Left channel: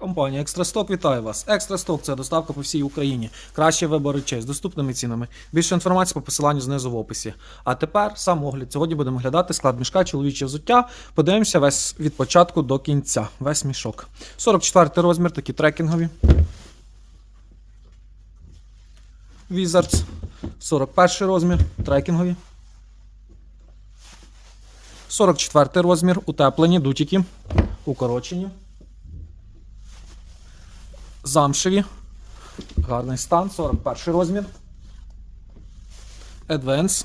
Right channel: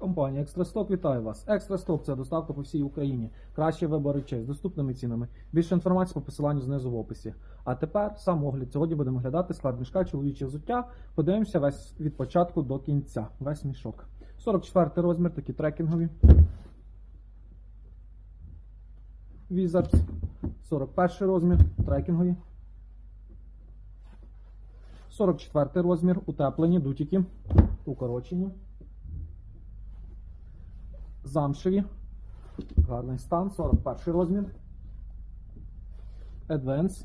Компанія Екстрасток вітає вас. Екстрасток це доставка по всій Україні. Кращий вибор речей з доступними цінами. Більше інформації по посиланню знизу в описі. А тепер сам огляд. Сьогодні будемо глядати склад мішка чоловіче взуття. Подивимося весь від початку до кінця. Весь мішок. 44 розмір, такі трекінгові. Wizards. 41 розмір, трекінгові. 44 розмір, утеплені, дутіки, укорочені. Замшеві. Гарний стан, 41 розмір. Advance.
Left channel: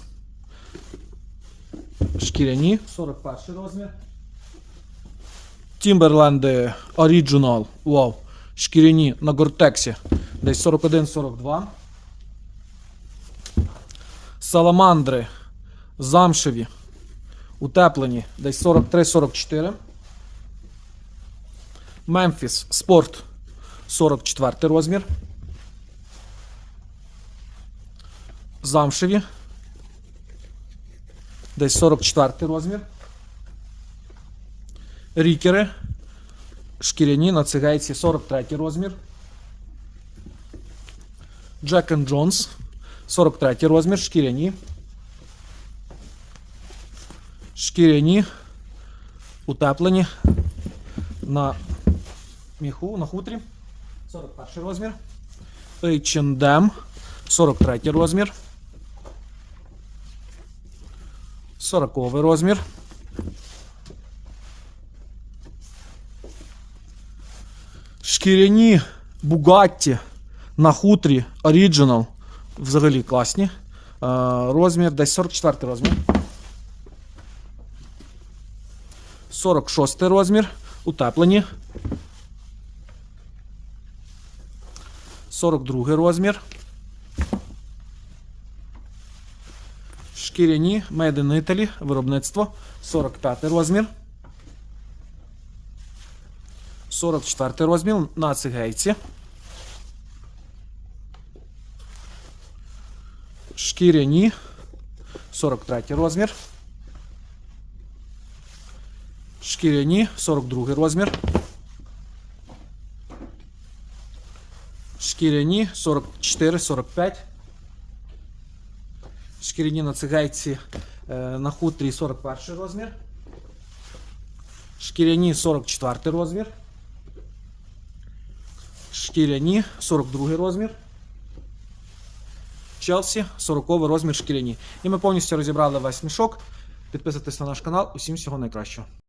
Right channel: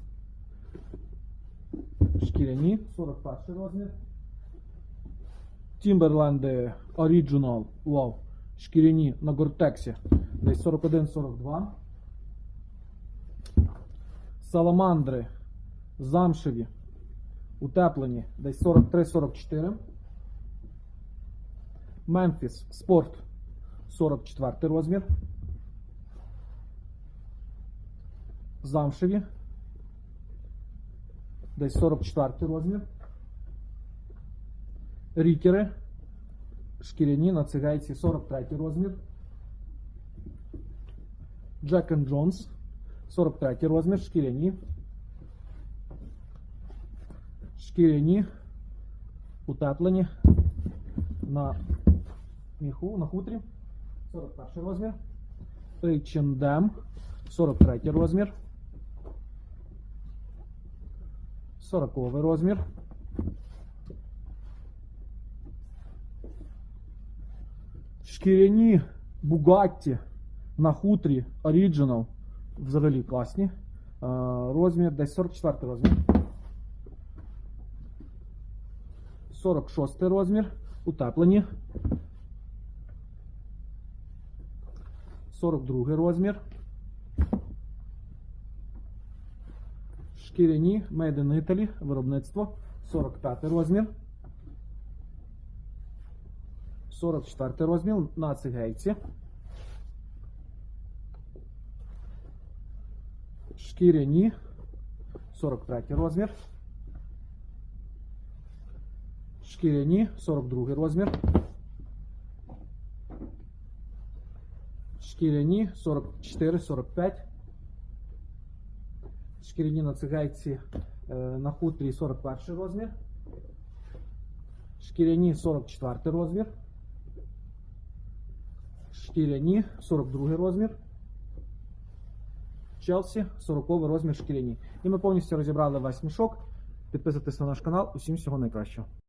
Шкіряні, 41 розмір. Timberland Original. Вау. Шкіряні на Гортексі. Десь 41-42. Саламандри. Замшеві. Утеплені. Десь 43-44. Мемфіс. Спорт. 44 розмір. Замшеві. Десь 44 розмір. Рікери. Шкіряні на цигейці 43 розмір. Jack and Jones. 43 розмір. Шкіряні. Шкіряні. Утеплені. На міху, на хутрі. 41 розмір. H&M. 43 розмір. 40 розмір. Шкіряні Bugatti на хутрі Original. Взагалі класні. Е, Розмір десь 44 розмір. 46 розмір. Утеплені. 42 розмір. Шкіряні Made in Italy, виробництво 45 розмір. 44 розмір на цигейці. Шкіряні 43 розмір. Шкіряні 42 розмір. Шкіряні 44-45. Шкіряні на цигайці е, на хутрі 41 розмір. Шкіряні 44 розмір. Шкіряні 42 розмір. Челсі 40 розмір шкіряні. І ми повністю розібрали весь мішок. Підписуйтесь на наш канал. Усім всього найкращого.